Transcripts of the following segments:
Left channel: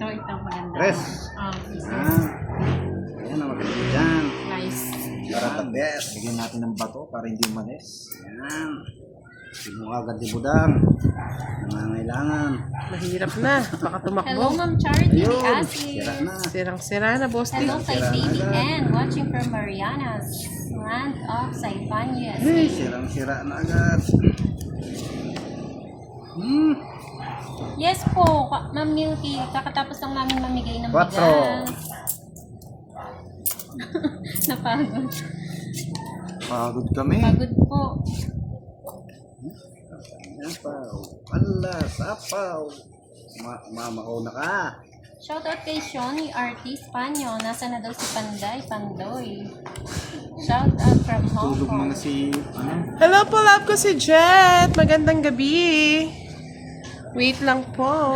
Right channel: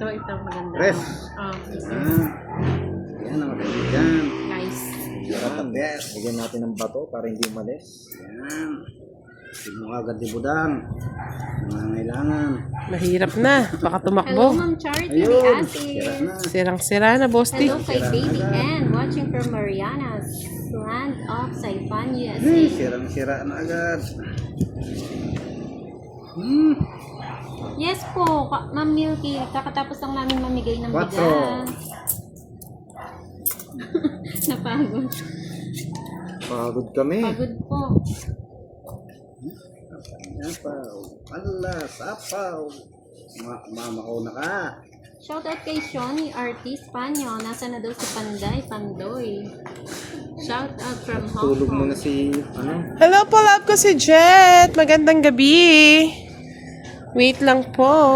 Ito maganda. Press. Ayan ang maganda dyan. Nice. Para the best. Bigyan natin ng bato para hindi umalis. Ayan. Hindi mo agad ibudang. Nangangailangan. Mahirap na. Baka Hello, tumakbo. Ma'am Charity Yun. Diazzi. Sira na. Sirang-sira na, Boss D. Hello kay Baby Ann, watching from Mariana's land of Saipan, USA. Sirang-sira na agad. Yes po, Ma'am Milky, kakatapos lang namin mamigay ng Quatro. bigas. Napagod. Pagod kami. Pagod po. Sapaw. Ala, sapaw. Mamauna ka. Shoutout kay Shoni Artis Panyo. Nasa na daw si Panday Pandoy. Shoutout from Hong Tulog Kong. muna si... Hello po, love ko si Jet. Magandang gabi. Wait lang po.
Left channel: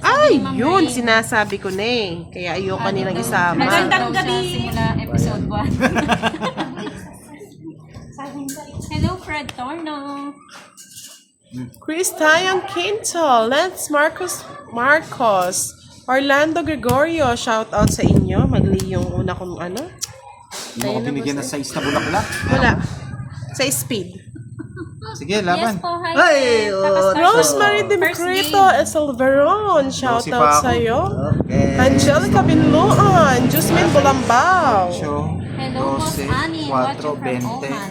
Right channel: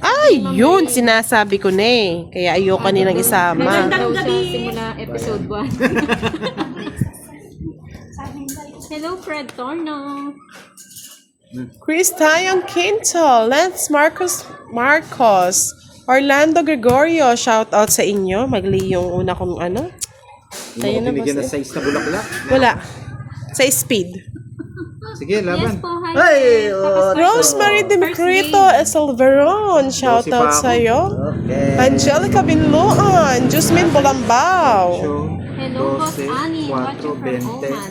Ay, yun. Sinasabi ko na eh. Kaya ayoko nilang isama. Magandang gabi. Simula episode 1. Hello, Fred Torno. Chris Tayon Quinto. Lance Marcos. Orlando Gregorio. Shout out sa inyo. Magli yung una kong ano. Hindi mo binigyan ng size na bulaklak. Wala. Sa speed. Sige, Yes laban. po, hi. Ay, Fred. Tapos oh, Rosemary Demecrito Salveron. Shout out sa'yo. Okay. Angelica Binloan. Jusmin Bulambao. So, Hello, Boss Annie. Watching from Oman.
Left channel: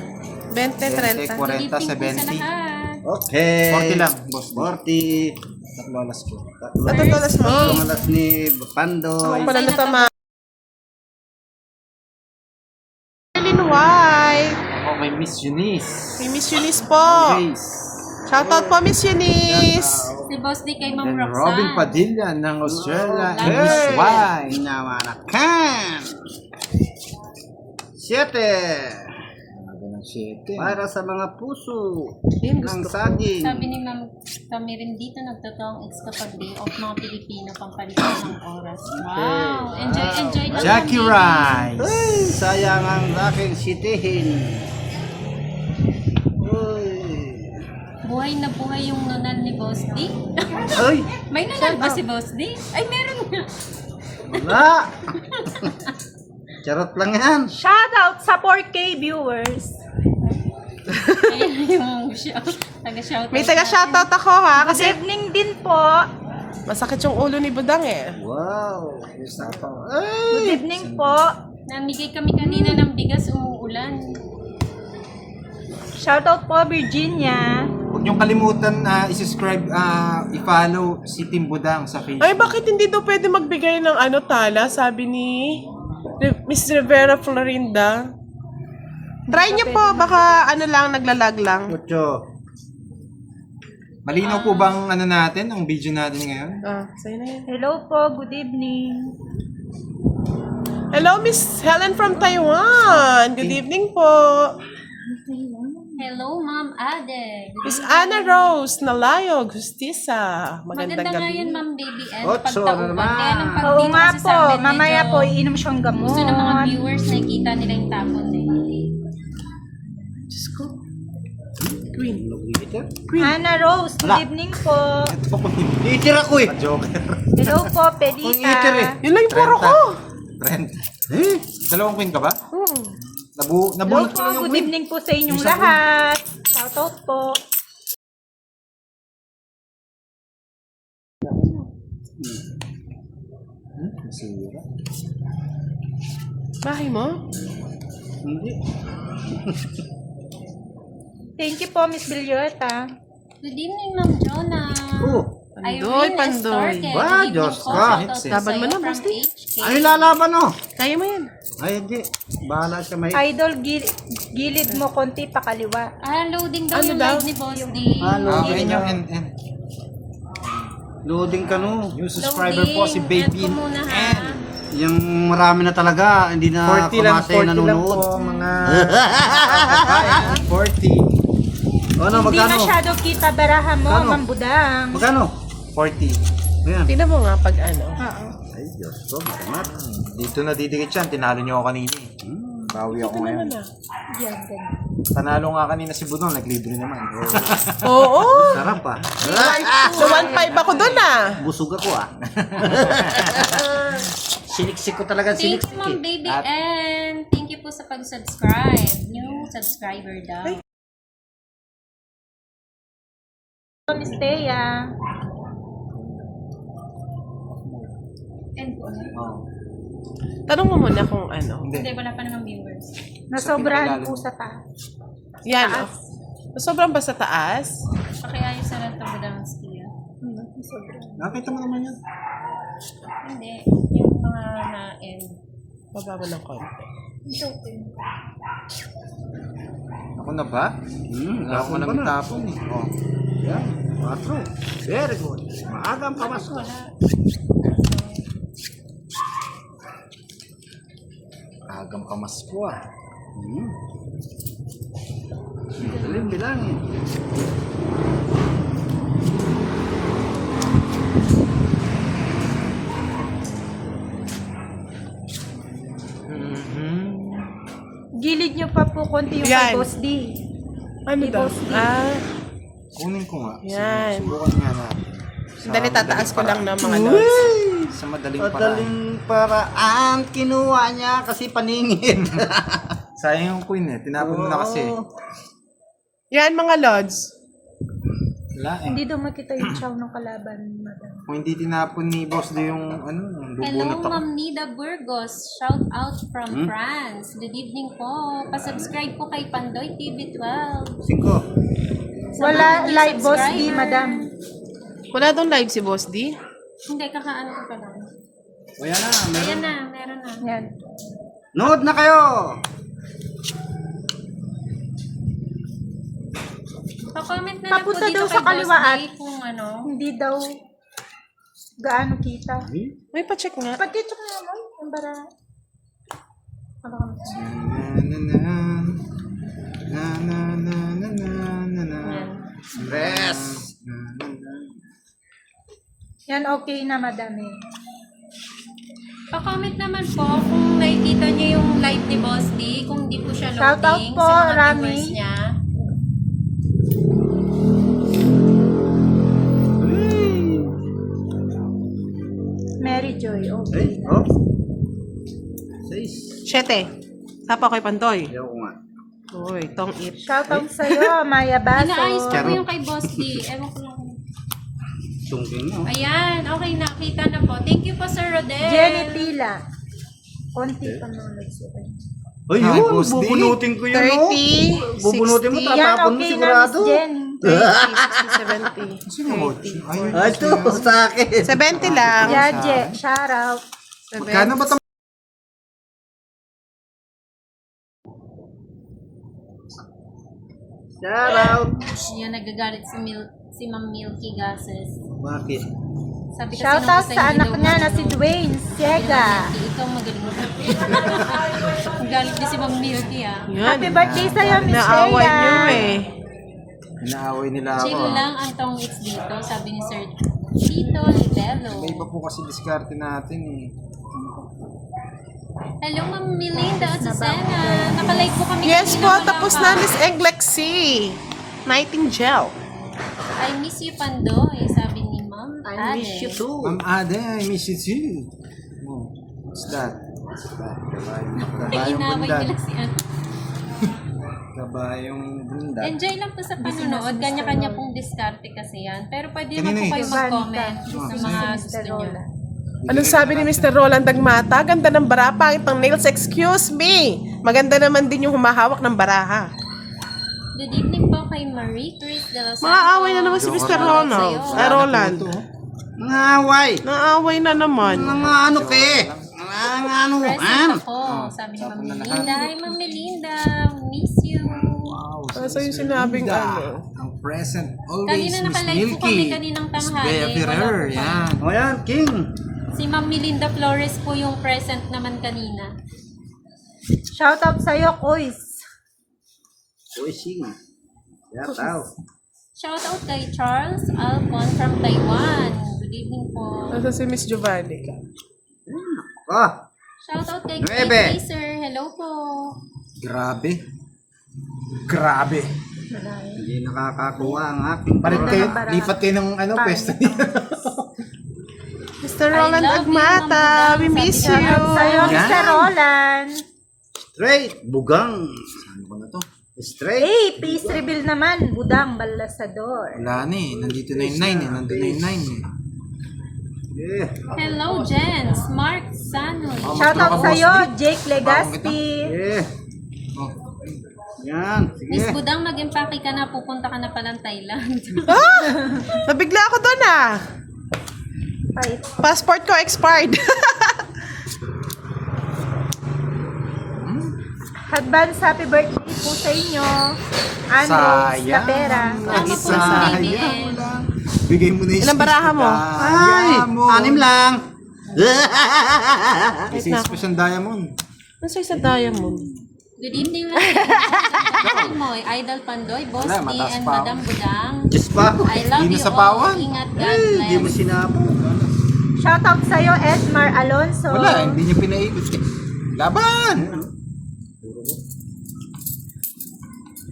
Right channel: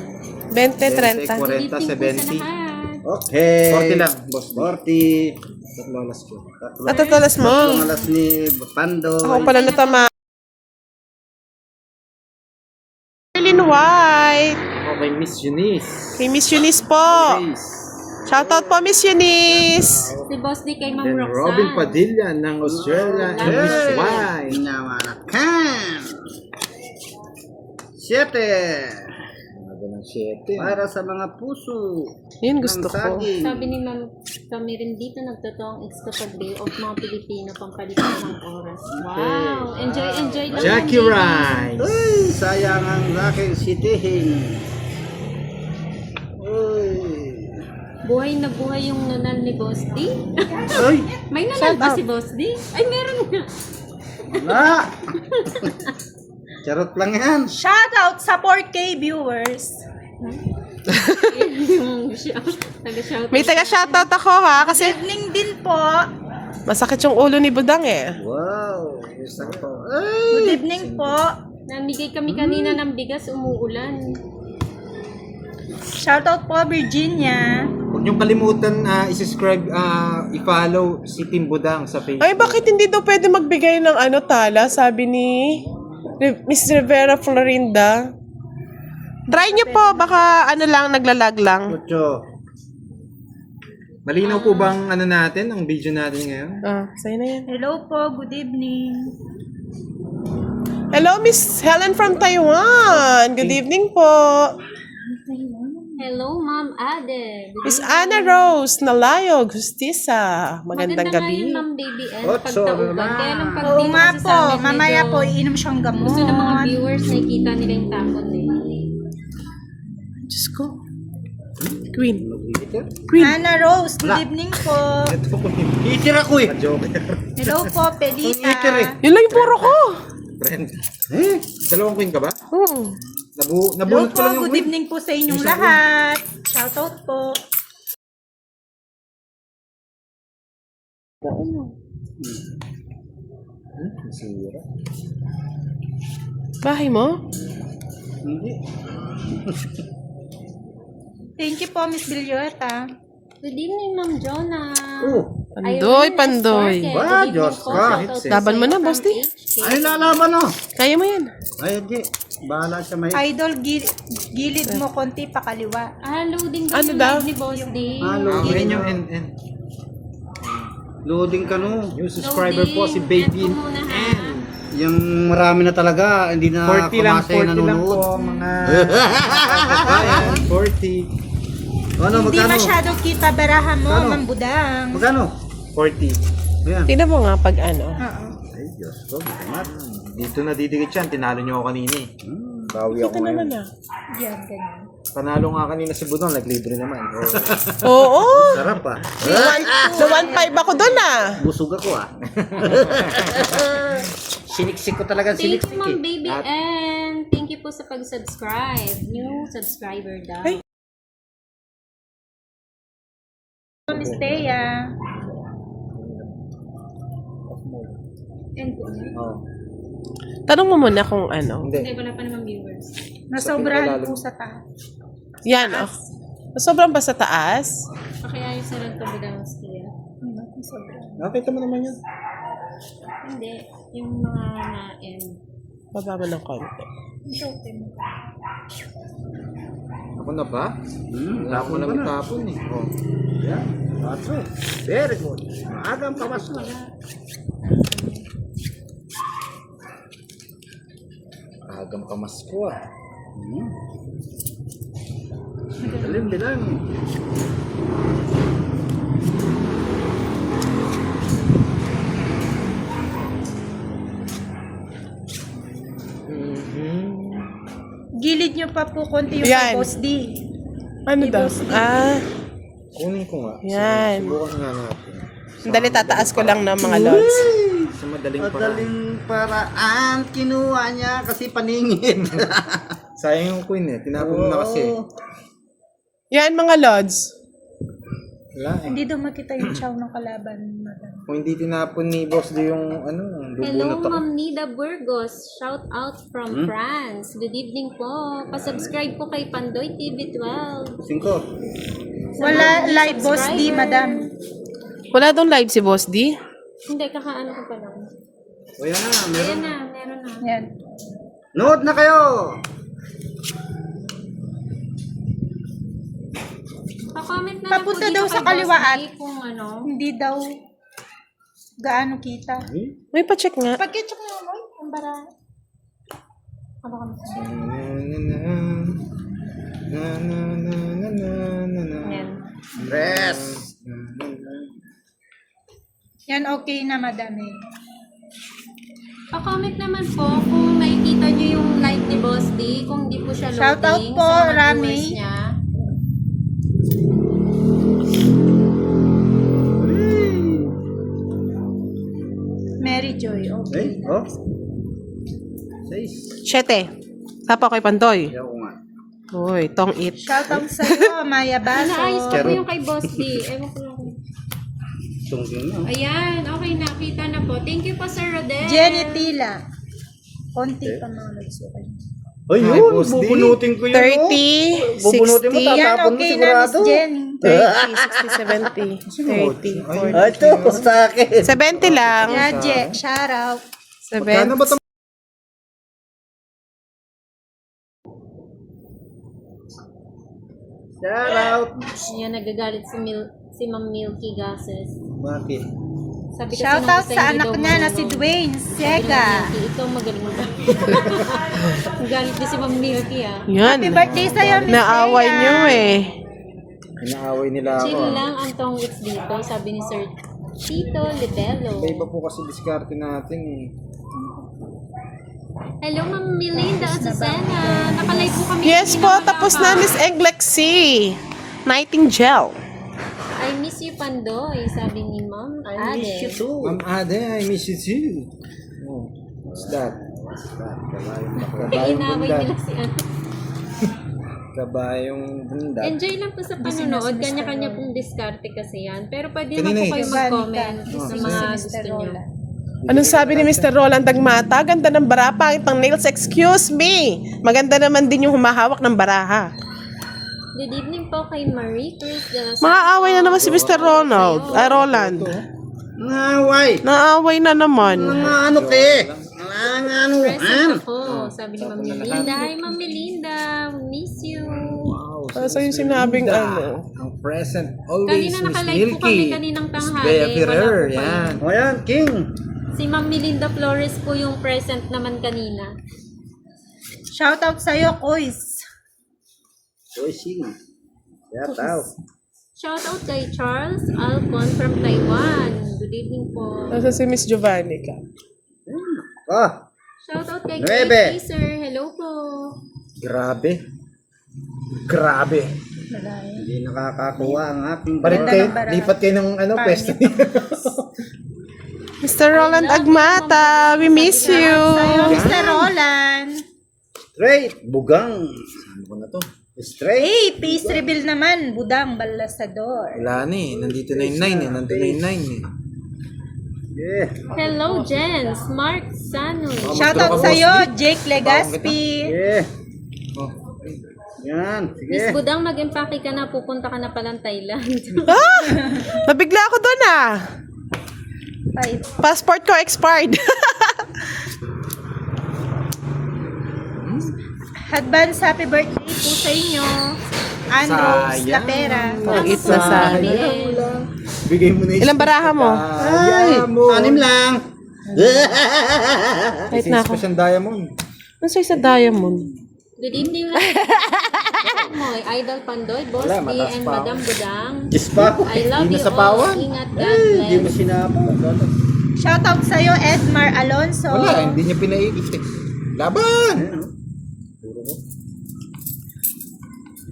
20, 30. 40, Good evening po sa 70. lahat. Okay. 40 lang, boss. 40. Tatlolas ko. At ang talas mo. Tumalas ni Pando. Ako pala natama. Marilyn White. Oh, may Miss Eunice. Kay Miss Eunice po. Grace. Shoutout po, Miss Eunice. Si Boss D kay Ma'am Then Roxanne. Robin Padilla ng Australia and Miss Y. Namanakan. 7. Sabi ng 7. Para sa mga puso. Yun gusto ng ko. saging. Sabi ni Ma'am kami rin dito nagtotoong ex kapag day off mga Pilipino pampalitan ng oras. Wow! Enjoy lang. Jackie Ma'am, Rice. Ay, sayang ang aking sitihin. Uy. buhay na buhay yung nunal ni Boss D. Ay, May nunal ba si Boss D? Ay, meron nga. wala. Charot lang yan. Shoutout sa 4K viewers. Ayun yung taga-shout. May taga-shoutout ako ha. Good Kasi evening din po. masakit yung ulo ni Budang eh. Wow. Good evening po. Namigay kami kanina ng bigas, umuulan. Shoutout po Virginia. Huwag niyong kalimutan i-subscribe, i-follow si Tim Budang sa Facebook. Ay, bakit hindi daw pwede magbigay ng ano tala? Sabi ni Miss Rivera Florinda. Try niyo po. Baka ano lang, naglalag lang. Ocho. Malinaw po bang ano natin, ang video natin ngayon? Sa'yo na yan. Hello po, good evening. Hello, Miss Helen from Taiwan. Good evening po. Hello, Ma'am Ade. Good Miss evening. Ana Rose Nalayo Gustisa. Magandang Maganda nga gabi. yan, Ma'am Baby Ann. Otso, Pagtauban. naman. Kaya lang pag Oo dito nga kasi po, sa amin, mamaya medyo po iinom siyang gamot. gusto ng mga viewers, nakikita nila yung tapon eh. Diyos ko. Queen. Hannah Rose, good evening po. Ito po Itir ako eh. Joker. Hello po, Itir eh. Pedita. Yun lang yung puro ko. Trend. Dalawang queen ka ba? Hello Nabunot po, ko lang yung good queen. evening po sa inyong lahat. Shoutout po. Masira. Bahay mo? Hindi. Thank you po, Miss Bilyota. Good evening, Ma'am Jonah. Oh. Pandoy, pandoy. Ba, Diyos ka. Laban mo na, Boss D. Ano lalaban no? Kaya mo yan. Ay, hindi. Bahala siya may... Idol, gilid mo konti pa kaliwa. Loading daw Ano yung daw? live ni Boss D. Ayan yung NN. Loading ka no. New subscriber po si Baby End ko muna, ha? N. Yung marami na talaga. Hindi na 40 lang, kumasay 40 lang nanonood. po mga... Ayan, 40. Ano, Hindi magkano? masyado kita baraha mo, Magkano? Mambudang. Magkano? 40. Ayan. Tingnan mo nga pag ano. Oo. Ay, Diyos ko. Matamat. Dito na didikit yan. Tinalo niyo ako kanina eh. Bawi ako Ito naman ngayon. ah. Yan, ganyan. Panalo nga kanina si Budong, naglibre naman. Oo. Sarap ah. So 1.5 ako doon ah. Busog ako ah. Siniksik ko talaga, Thank siniksik you, Ma'am eh. Baby N. Thank you po sa pag-subscribe. New subscriber daw. Ay. Miss Thea. And po, Tanong mo muna kung ano. Hindi. hindi, wala pa naman viewers. Nasobrahan po sa taas. Yan oh. Sobrang ba sa taas? Pakiayos na lang ito bilang skill. Nakita mo naman yan. Hindi, yung mga na-end. Baba mo ng konti. Ako na ba? Wala ko Tapon na pa na. tapon eh. Oh. Yan, 4. Very good. Maagang pamasko. Agang pamasko ah. Dalim bilang. Gilid nyo pa po konti yung kay Yan. Boss D. Ano daw? Boss D. Ah, Kunin ko nga. Yan. Subukan nga natin. dali tataas ko lang ng mga lods. Sa madaling paraan. Madaling paraan kinuha niya kasi paningin. Sayang yung queen eh. Tinapon mo na kasi. Yan mga lods. Wala eh. Hindi daw makita yung chow ng kalaban, madam. Kung hindi tinapon ni Boss Do yung ano, Hello, bubunot ako. Ma'am Nida Burgos. Shout out from France. Good evening po. Pa-subscribe po kay Pandoy TV12. 5. Wala live Boss D, subscriber. madam. Wala doon live si Boss D? Hindi, kakaano ko pa lang. O yan na. Ayan na, meron na. Yan. Nood na kayo. Pa-comment na Papunta lang po daw dito sa kay Boss kaliwaan. D kung ano. Hindi daw gaano kita. May pa-check nga. Pag-check na mo, ang bara. Ano ka Ayan. Rest. Yan, okay na, madam eh. Pa-comment naman po kung nakikita niyo yung live ni Boss D, kung di po siya loading. Shoutout po, sa mga Rami. viewers niya. Mary Joy, okay. Eh, oh. 6. 7. Tapo kay Pandoy. Ayaw ko nga. Uy, tong it. Shoutout sa'yo, Maya Inaayos ko Baso. po yung kay Boss D. Ewan ko lang. Sungking nyo. Ayan, okay na. Kita na po. Thank you po, Sir Rodel. Jenny Tila. Konti pa mga nagsukat. Ayun, Ay, Boss D. bubunutin ko yan. 30, oh. Bubunutin mo, 60, Yan, tatapon mo okay na, Miss sigurado. Jenny. 30, 60, 70, Ay, ito, sa akin. 70 lang. Yaje, shoutout. Kano ba 70. Shout out. Ayan, nagagalit si Ma'am Milky Gases. Bakit? Sabi kasi Shoutout nung isa, sa hindi anak daw niya na marunong. si Dwayne Sega. Milky, ikaw magaling mo. Galit din si Ma'am Milky ah. Yan. Happy birthday sa'yo, Miss Naaway Thea. niyo eh. Inaaway nila ako. Chill lang ang tongits dito, sabi ni Sir Tito Litelo. Iba po kasi diskarte natin eh. Hello, Ma'am Melinda at Susana. Nakalive po kami. Yes kanina po, mga tapos na Miss kapatid. Egg Lexi. Nightingale. I miss you, Pandoy, sabi ni Ma'am I miss you Ade. too. Ade, I miss you too. Oh, what's that? Inaway nila si ano. Kabayong bunda. Enjoy lang po sa panonood. Kanya-kanya pong diskarte kasi yan. Pero pwede Kanina naman po eh. kayo mag-comment sa Busy mga si gusto Mr. nyo. Roland. Anong sabi ni Mr. Roland Dagmata? Ganda ng baraha, pangit ng nails. Excuse me. Maganda naman din yung humahawak ng baraha. Good evening po kay Marie Chris de los Mga away na naman si Mr. Ronald. Ay, Roland. Ngaway. Naaway na naman. Mga ano ke? Mga ano, Present ako. Sabi ni Ma'am Melinda. Hi, Ma'am Melinda. Miss you. Wow, Ano sa'yo sinabing ano? ang present always Kanina Miss nakalive po Milky. kami kaninang Miss tanghali. Bea Wala Ferrer, po pa. yan. O yan, King. Si Ma'am Melinda Flores po yung present naman kanina. Shoutout sa'yo, Kois. Uy, sing. Shout out. Shout out kay Charles Alcon from Taiwan. Good evening po. Nasa si Miss Giovanni ka. Oh, Shout out kay Nuebe. Kate Sir. Hello po. Grabe. Grabe. Hindi nakakakuha ang aking Balik kayo, lipat kayo ng ano, pwesto niyo. Mr. Roland Agmata, we miss you. Sa'yo, Mr. Roland. Straight. Bugang. Saan ko na to? Straight. Hey, peace reveal naman. Budang Balasador. Wala na eh. Nandito na yung 9 eh. Nandito na yung 9 eh. Yeah. Hello, Jens. Mark Sanoy. Shoutout sa'yo, Jake Legaspi. Yeah. Oh. Yan. Miss Sige. Budang, mag-empake ka na. Pupunta ka na palang Thailand. Nabigla ako doon ah. Ay, Passport ko expired. advance happy birthday po sa inyo. Andros Sayang. Lapera. Pangit na sayang. BBL. Bigay mo na yung Ilang baraha mo? Ay, mo. 6 lang. Wait na ako. Special diamond. Ano sa isa diamond? Good evening, Moy, Idol Pandoy, Boss Wala, D, mataas and pa. Madam Budang. Diyos pa. I love Di you all. nasapawan. Ingat, God Hindi mo bless. sinapo. Shoutout sa'yo, Edmar Alonso. Wala, hindi niya pinaikot eh. Laban!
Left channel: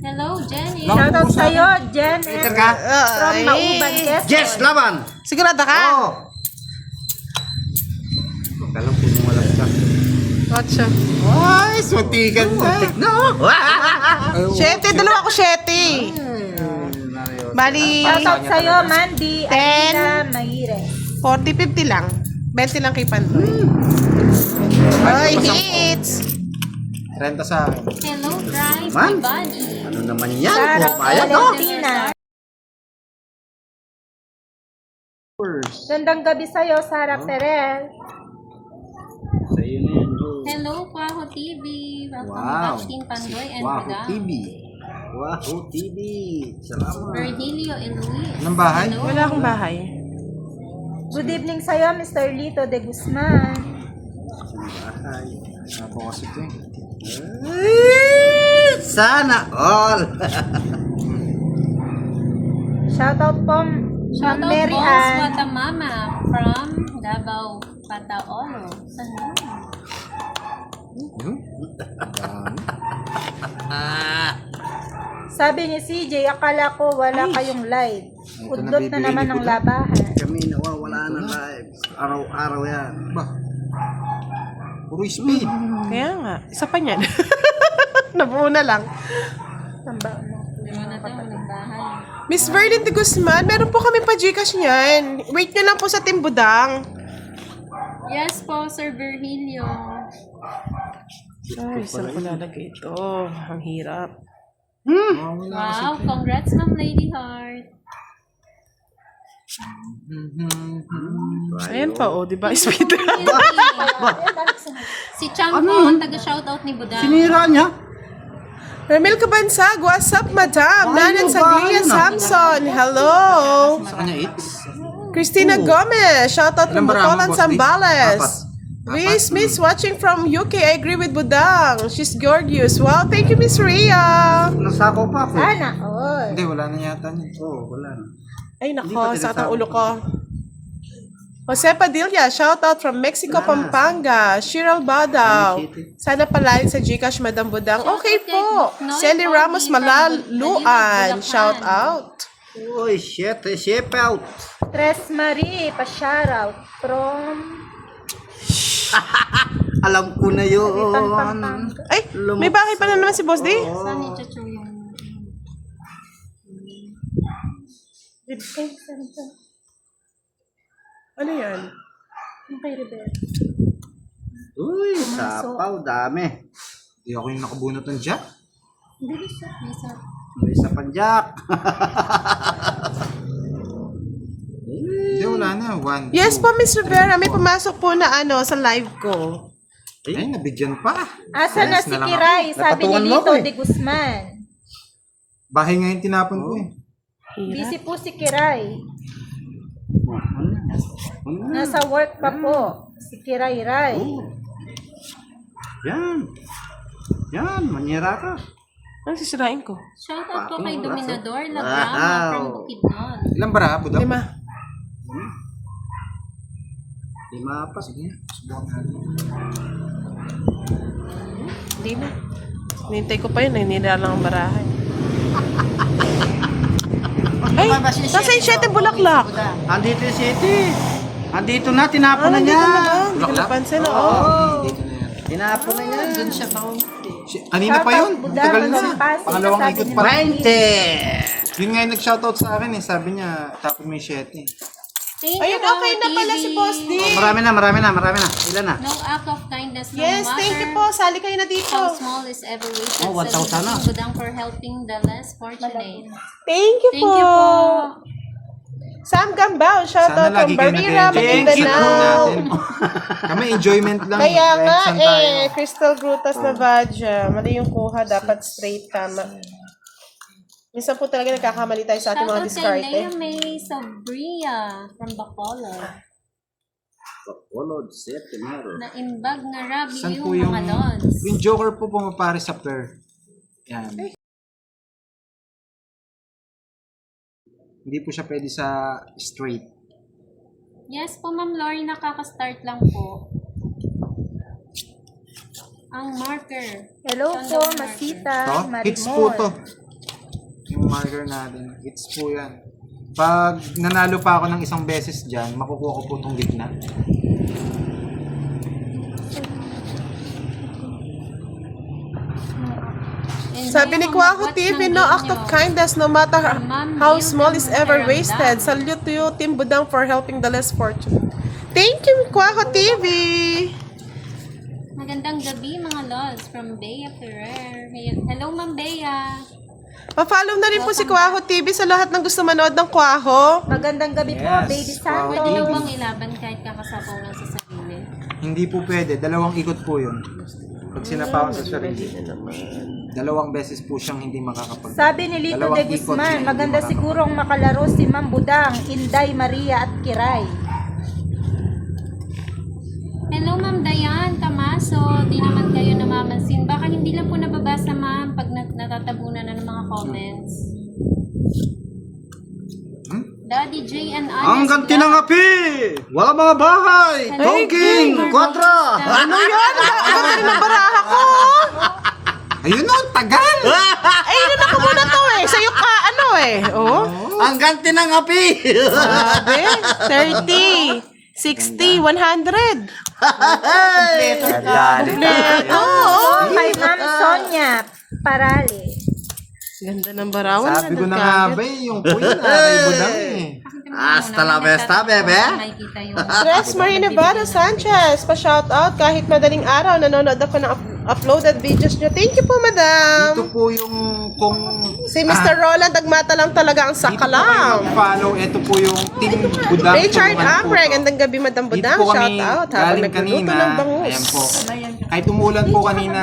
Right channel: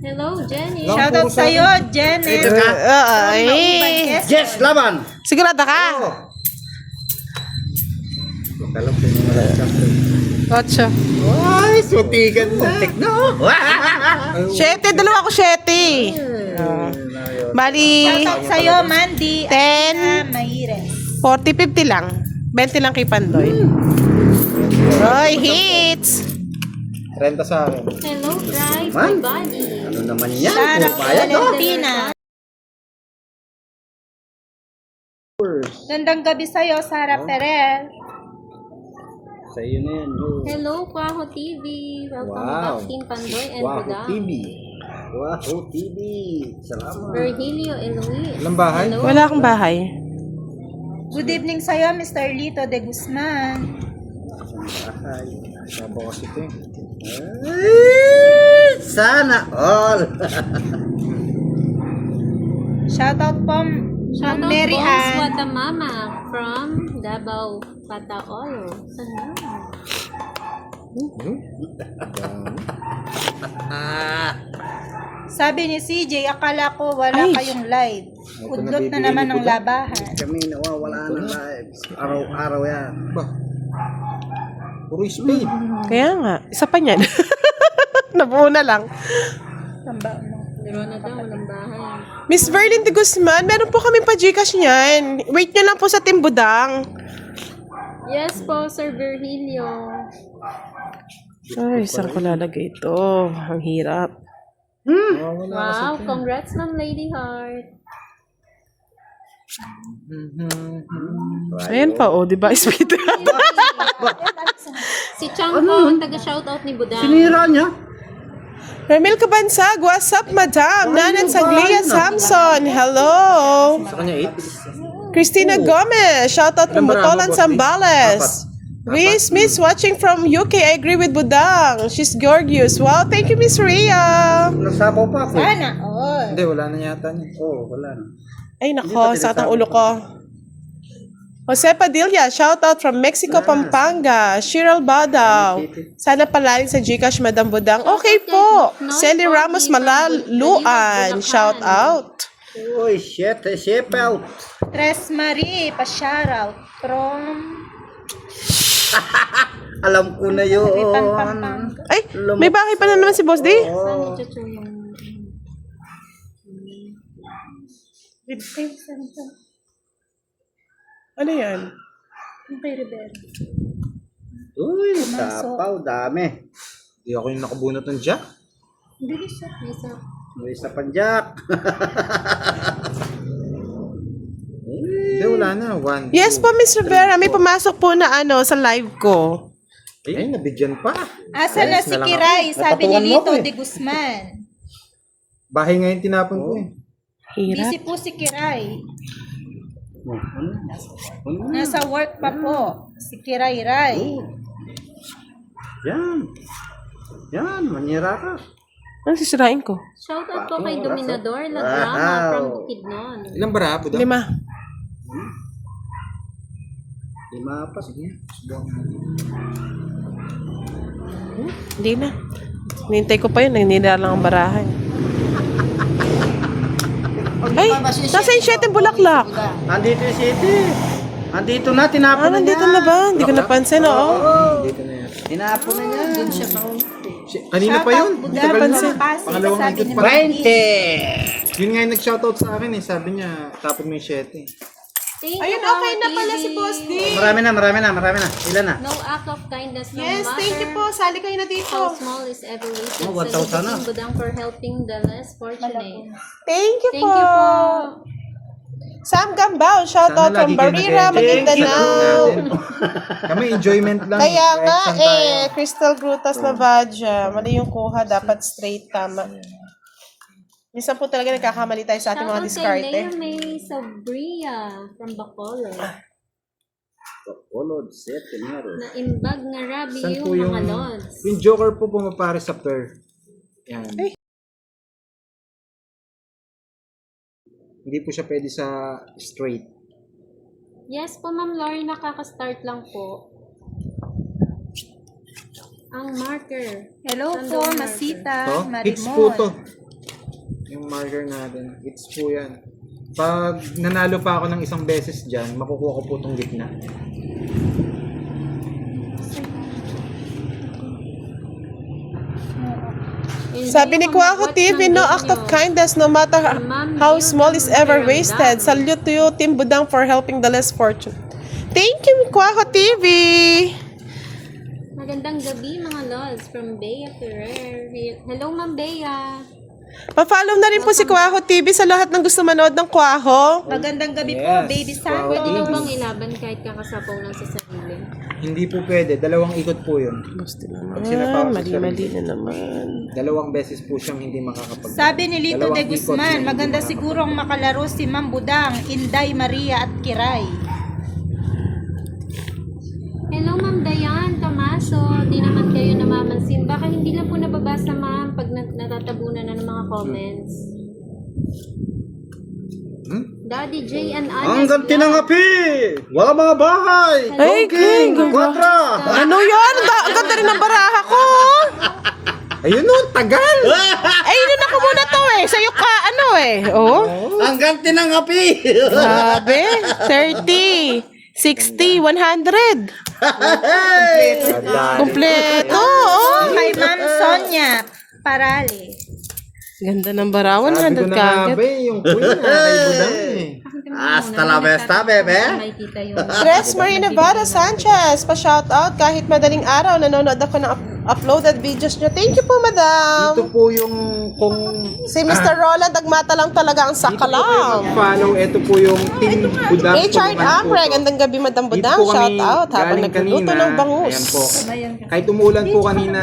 Hello, Jenny. Shoutout sa'yo, Jenner. From Ay. Nauban, Quezon. Yes, laban. Sigurado ka? Oh. Kalam ko mo wala ka. Ocho. Ay, sutikan na. No. Shete, dalawa ko shete. Bali, Shoutout sa'yo, Mandy. 10. Alina Mahires. 40-50 lang. 20 lang kay Pandoy. Ay, hits! 30 sa akin. Hello, Drive, Man. my body. Ano naman yan? Shoutout Pupayat, no? Valentina. Gandang gabi sa'yo, Sarah Perel. Sa iyo na yan. Joe. Hello, Kwaho TV. Welcome Wow. back, Team Pandoy and Wow, Budang. TV. Wow, TV. Salamat. Virgilio Eloise. Ilang bahay? Hello. Wala akong bahay. Good evening sa'yo, Mr. Lito de Guzman. Boss ito eh. Sana all. Shoutout po, Shoutout Mary Boss Ann. Watamama from Davao, Pataolo. Sana. Sabi ni CJ, akala ko wala kayong live. Udlot na naman ang labahan. Kami nawawala ng lives. Araw-araw yan. Ba? Puro speed. Kaya nga, isa pa niyan. Nabuo na lang. Tamba mo. Meron na daw ng bahay. Miss Verlyn de Guzman, meron po kami pa Gcash niyan. Wait nyo lang po sa Team Budang. Yes po, Sir Virgilio. Ay, saan ko lalagay ito? Ang hirap. Wow, congrats Ma'am Lady Heart. Ayan pa, oh, di ba? Speed. Si Chang po, ang taga-shoutout ni Budang. Sinira niya. Ramil Kabansag, what's up, madam? Nanan Saglia Samson, hello. Sa kanya 8? Christina Gomez, shoutout from Ilang baraha mo, Butolan, Boss D? Zambales. Miss watching from UK, I agree with Budang. She's gorgeous. Wow, thank you, Miss Ria. Nasapaw pa ako. Sana all. Hindi, wala na yata niya. Oo, wala. Ay, nako, sakit ang ulo ko. Jose Padilla, shoutout from Mexico, Pampanga. Cheryl Badaw. Sana palain sa Gcash, Madam Budang. Okay po. Sally Ramos Malaluan, shoutout. Uy, shit out. Tres Marie, pa-shoutout from Alam ko na yun. Ripan, Pampanga. Ay, may bahay pa na naman si Boss D. Saan ni Chuchu yung... Ano yan? Yung kay Rivera. Uy, sapaw, dami. Hindi ako yung nakabunot ng jack. Bilis siya. Isa. May isa pang jack. Hindi, wala na. 1, Yes po, Miss Rivera. May pumasok po na sa live ko. Ay, nabigyan pa. Asa na si Kiray? Sabi ni Napatuwan mo Lito ako eh. de Guzman. Bahay ngayon tinapon ko eh. Hirap. Busy po si Kiray. Ano? Nasa work pa po. Si Kiray Ray. Yan. Yan, manira ka. Ano sisirain ko? Shoutout po kay Dominador Lagrama Wow. from Bukidnon. Ilang bara, Budang? 5. Lima pa. Sige, subukan natin. Hindi na. Hinintay ko pa yun, naninira lang ang barahan. Ay, nasa yung 7 bulaklak. Andito yung city. Andito na, tinapon na niya. Nandito na ba? Hindi ko napansin, oo. Dito na yan. Tinapon na niya. Doon siya sa konti. Kanina pa yun. Buda, Tagal na. Pasig, Pangalawang sabi ikot ni pa. Ma'am. 20. Yun nga yung nag-shoutout sa akin eh. Sabi niya, tapon mo yung 7. Thank you, Ayun, okay na Mama pala TV. si Boss D. Marami na. Ilan na? No act of kindness, no Yes, thank you po. Sali kayo na dito. How small is ever wasted. Oh, 1,000 na. Budang for helping the less fortunate. Thank you Thank po. you po. Sam Gambao, shout out from Barira, Maguindanao. Kami enjoyment lang. Kaya nga Kahit saan tayo. Crystal Grutas na Badja. Mali yung kuha, dapat straight, tama. Minsan po talaga nagkakamali tayo sa ating mga diskarte. Shoutout kay Lea May Sobria from Bacolod. Na imbag na rabi Saan yung po yung, mga lods. yung Joker po pumapare sa pair. Yan. Hindi po siya pwede sa straight. Yes po, Ma'am Lori, nakaka-start lang po. Ang marker. Hello Saan po, daw yung Masita, Hits po to. Marimon. Yung marker natin. Hits po yan. Pag nanalo pa ako ng isang beses dyan, makukuha ko po itong gitna. Sabi ni Kwaku TV, no act of kindness, no matter how small is ever wasted. Salute to you, Team Budang, for helping the less fortunate. Thank you, Kwaku TV. Magandang gabi mga lods from Bea Ferrer. Hello, Ma'am Bea. Pa-follow na rin po si Kwaku TV sa lahat ng gusto manood ng Kwaku. Magandang gabi po, Yes, Baby Pwede Santos. na bang ilaban kahit kakasapaw lang sa sarili? Hindi po pwede. Dalawang ikot po yun. Pag sinapaw sa sarili. na naman. Dalawang beses po siyang hindi makakapag... Sabi ni Lito de Dalawang ikot Guzman, siya hindi maganda makakapag- sigurong makalaro si Ma'am Budang, Inday, Maria at Kiray. Hello, Ma'am Dayan Camaso. Di naman kayo namamansin. Baka hindi lang po nababasa, Ma'am, pag natatabunan na ng mga comments. Daddy J and Anya. Ang ganti ng api! Wala mga bahay! Dongking! Kontra! Ano yun? Ang ganda rin ng baraha ko. Ayun no, tagal! Ay, inunan ko muna to eh. Sa'yo ka, ano eh. Oh, Ang ganti ng api! sabi. 30, 60, 100. Kompleto. Oh. Kay Ma'am Sonia Parale. Ganda ng barawan. Sabi ko 100 na nga, kagad. be, yung queen na kay Budang eh. Hasta la vista, bebe! Makikita yung... Tres Marie Nevada Sanchez, pa-shoutout kahit madaling araw, nanonood ako ng uploaded videos nyo. Thank you po, Ito madam. po yung kung Si Mr. Roland, Agmata lang talaga ang dito po kayo sakalam. mag-follow. Ito po yung Team Budang. Richard Tulungan po Amre, to. gandang gabi, Madam Dito Budang. po kami Shoutout habang galing nagluluto kanina. ng bangus. Ayan po. Kahit umulan po kanina,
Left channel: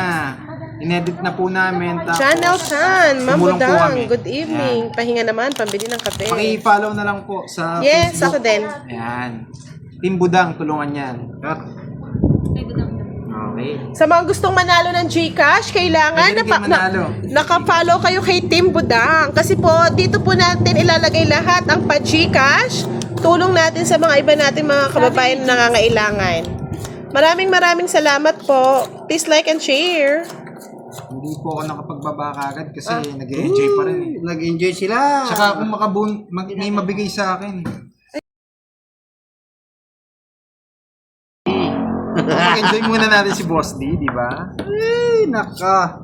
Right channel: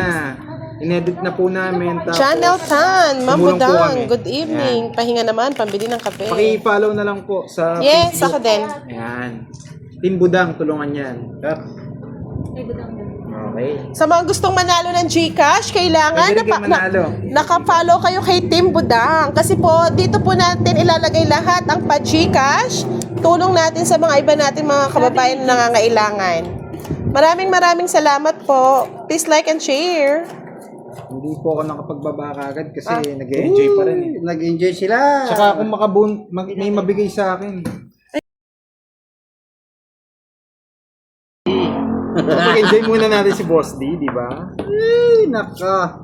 inedit na po namin. Tapos, Channel Tan, Ma'am tumulong po Budang, kami. good evening. Pahinga naman, pambili ng kape. Paki-follow na lang po sa Yes, Facebook. ako din. Ayan. Team Budang, tulungan yan. Okay. Sa mga gustong manalo ng GCash, kailangan Pwede rin kayo manalo. naka-follow kayo kay Team Budang. Kasi po, dito po natin ilalagay lahat ang pa-GCash. Tulong natin sa mga iba nating mga kababayan na nangangailangan. Maraming salamat po. Please like and share. Hindi po ako nakapagbaba kagad kasi nag-enjoy pa rin eh. Nag-enjoy sila. Tsaka kung may mabigay sa akin. Mag-enjoy muna natin si Boss D, di ba? Ay, naka.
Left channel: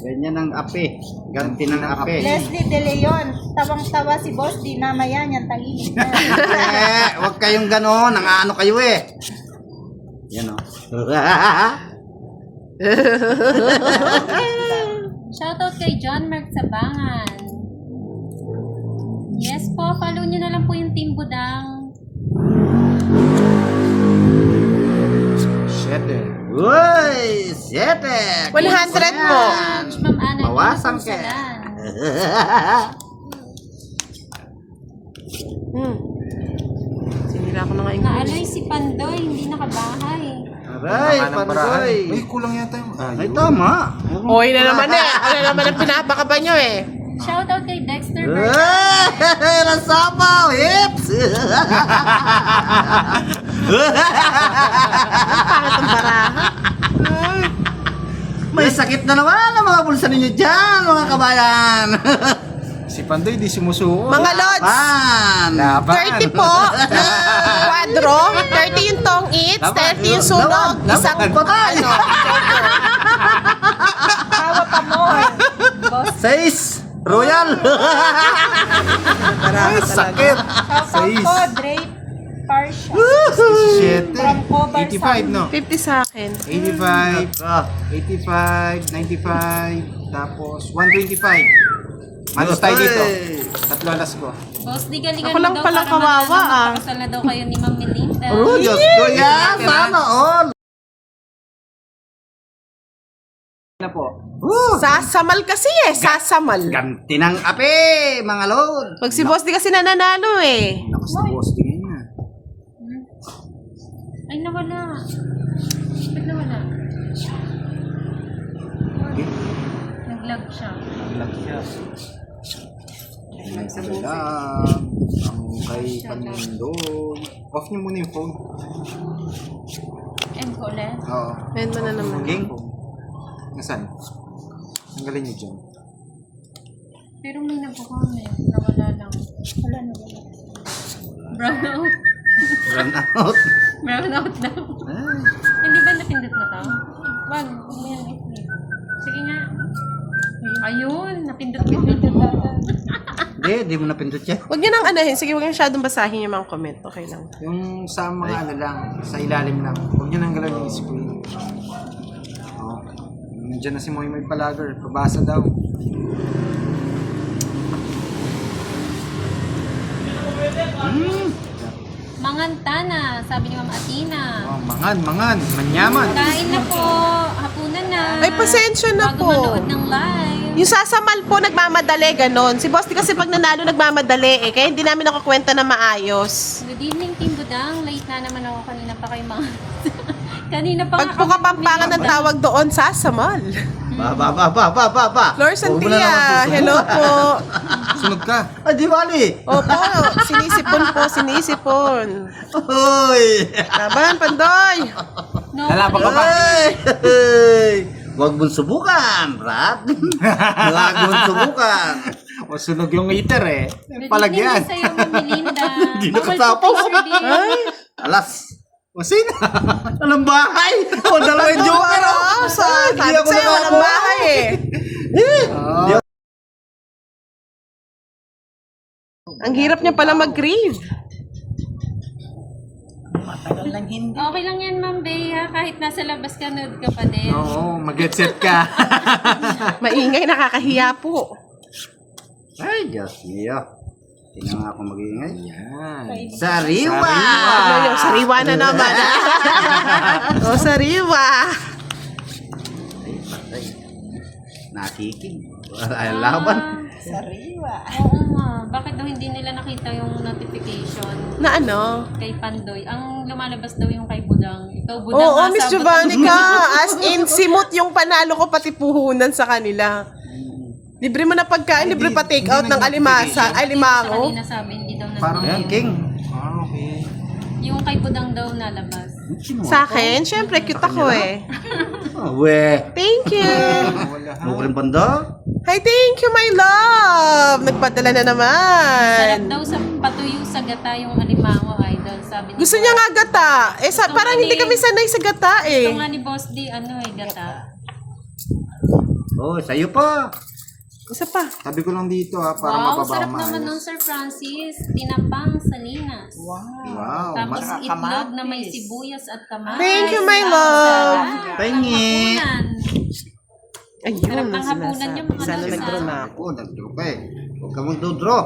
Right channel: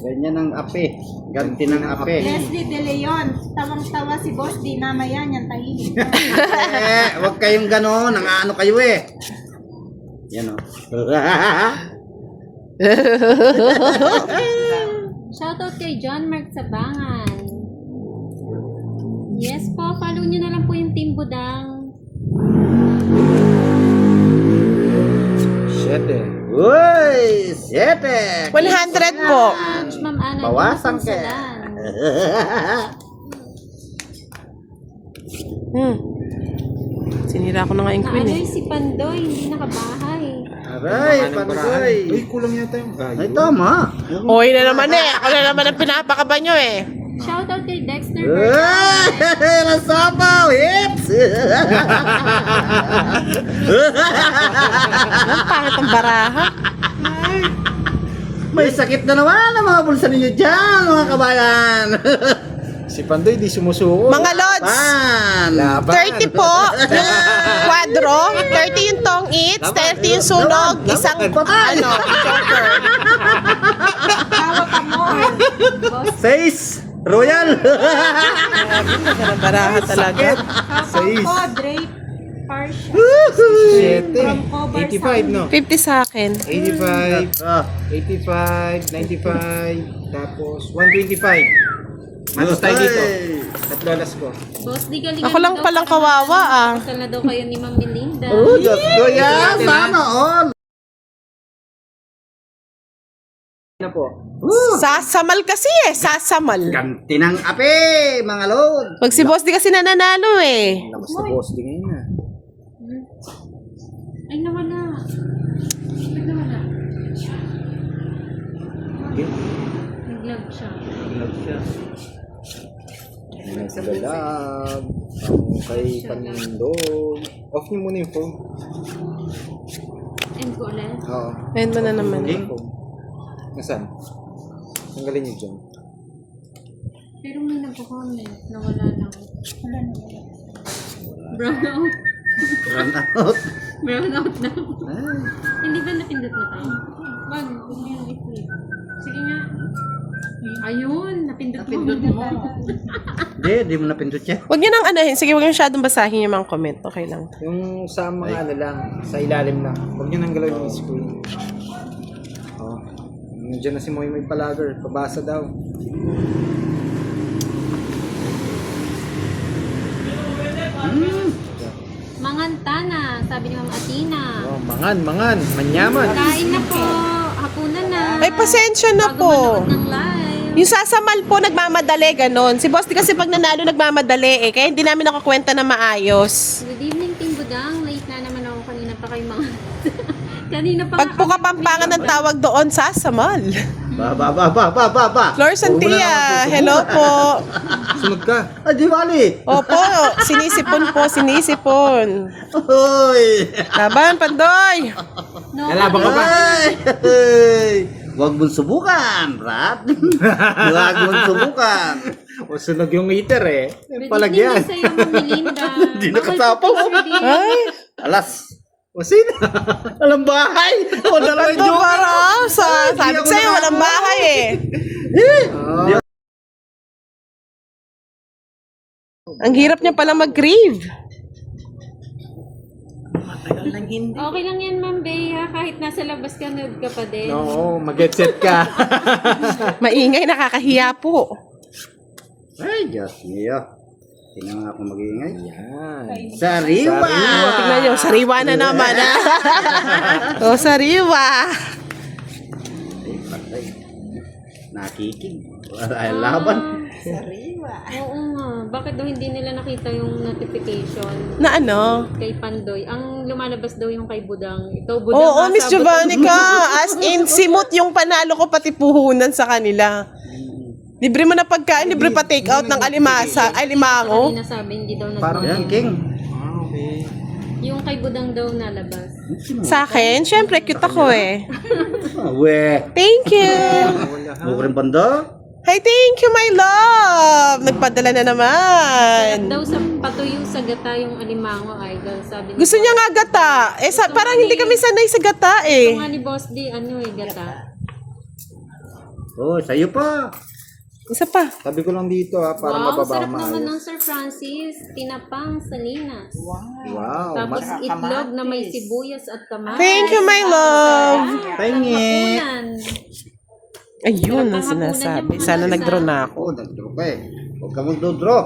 Ganyan ang api. Ganti ng api. Leslie De Leon, tawang-tawa si Boss, di mamaya niyan tahimik na. Huwag kayong gano'n. Nangaano kayo eh. Yan o. Shoutout kay John Mark Sabangan. Yes po, follow nyo na lang po yung Team Budang. Shit eh. Uy, 7. 100 po. Ma'am Ana, Bawasan ka. Sinira ko na nga yung queen. Ano si Pandoy, hindi nakabahay. Aray, pandoy. Uy, kulang yata yung Ay, gayo. tama. Oy na naman eh. Ako na naman ang pinapakaba nyo eh. Shoutout kay Dexter Uy, Bergara. nasapaw. Hips. Ang pangit ang baraha. May sakit na naman ang mga bulsa ninyo dyan, mga kabayan. Si Pandoy di sumusuko. Mga lods, Pan. 30 po yung kwadro, 30 yung tong eats, 30 yung sunog, isang Patay. ano, burger. Tawa ka mo. 6. Royal. Baraha talaga. Sais. Ko, Drake, partial. 7. 85, no? 50 sa akin. 85, Ah, 85, 95, tapos 125. Manos tayo dito. Tatlo alas ko. Boss, di galingan Ako lang mo daw palang para kawawa, ah. Kasal na daw kayo ni Ma'am Melinda. Oh, Diyos ko yan. Sana all. Na po. Sasamal kasi sasamal. Ganti ng ape, mga lord. Pag si boss di kasi nananalo eh. Lakas na boss, tingin niya. Ay, nawala. Ba't nawala? Okay. Nag-lag siya. Kay Kanindong. Off niyo muna yung phone. End ko ulit. Oo. Ayan mo na naman. Yung phone. Nasaan? Tanggalin niyo dyan. Pero may nagko-comment. Nawala lang. Wala na. Brown out. Run out. Brown out na. Ah, Hindi ba napindot na ka? Wag. Huwag mo yan i-flip. Sige nga. Ayun. Napindot mo. Di mo napindot yan. Huwag niyo nang anahin. Sige, huwag niyo masyadong basahin yung mga comment. Okay lang. Yung sa mga ano lang, sa ilalim lang. Huwag niyo nang galawin yung screen. Oh. Nandiyan na si Moy Moy Palager. Pabasa daw. Mangantana, sabi ni Ma'am Athena. Oh, mangan. Manyaman. Kain na po. Hapunan na. Ay, pasensya na Bago po. manood ng live. Yung sasamal po, nagmamadali, ganon. Si boss di kasi pag nanalo, nagmamadali eh. Kaya hindi namin nakakwenta na maayos. Good evening, Team Budang. Late na naman ako. Kanina pa kayo mga... kanina pa Pag po kami kapampangan ni ng Budang. tawag doon, sasamal. Ba. Flor Santia, hello po. Sunod ka. Ay, di bali. Opo, sinisipon. Uy. Laban, Pandoy. No, Lalaban ka ba? Ay. Huwag mong subukan, Brad. Huwag mong subukan. O sunog yung heater eh. good Palagyan. evening sa'yo, Ma'am Melinda. Hindi nakasapaw. Ay, Alas. O sino? Walang bahay. O, dalawang joker. parang sabi ako sa'yo, walang nakakuha. bahay eh. Ang hirap niya pala mag-grieve. Okay lang yan, Ma'am Bea. Kahit nasa labas ka, nerd ka pa din. Oo, mag-headset ka. Maingay, nakakahiya po. Ay, Diyos niyo. Tingnan nga ako mag-iingay. Yan. Sariwa. Tignan niyo, sariwa na naman. O, sariwa. Nakikig. Ay, laban. Oo nga. Bakit daw hindi nila nakita yung notification Na ano? kay Pandoy? Ang lumalabas daw yung kay Budang. Ikaw, Budang, Oo, Miss nasabot Giovannica. ang- As in, simot yung panalo ko pati puhunan sa kanila. Libre mo na pagkain, libre pa take out ng alimasa, ay limango. Kanina sabi, hindi daw Parang Ayan, nag King. Ah, okay. Yung kay Budang daw nalabas. Sa akin, syempre, cute ako eh. We. Thank you. Wala ha. Mo ko rin banda. Hi, thank you, my love. Nagpadala na naman. Sarap daw sa patuyo sa gata yung alimango, idol. Sabi ni Gusto niya nga gata. Eh, parang hindi kami sanay sa gata Ito eh. nga ni Boss D, gata. Oh, sa'yo pa. Isa pa. Sabi ko lang dito ha, para Wow, mababa sarap naman ng maayos. Sir Francis. Tinapang salinas. Wow. Tapos itlog na may sibuyas at kamatis. Thank you, my love. Pahingi. Hapunan. Ayun Sarap ang ng hapunan sinasabi. yung mga Sana nasa- nag-draw na ako. Oh, nag-draw ka eh. Huwag ka mag-draw.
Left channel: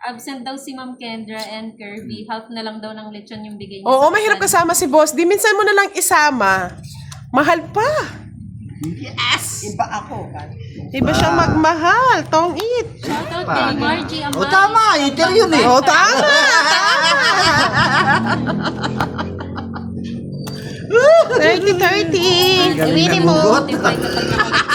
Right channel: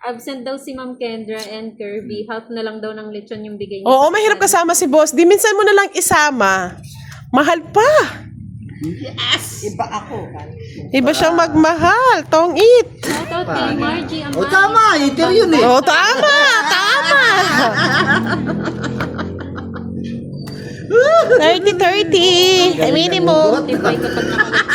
Absent daw si Ma'am Kendra and Kirby. Half na lang daw ng lechon yung bigay niya. Oo, sa mahirap kasal. kasama si boss. Di minsan mo na lang isama. Mahal pa. Iba siyang magmahal. Tong eat. Shoutout kay Margie Amay. Oh, tama. Ito yun eh. Oh, tama. Tama. 30-30. Minimum. Notify kapag nakalagay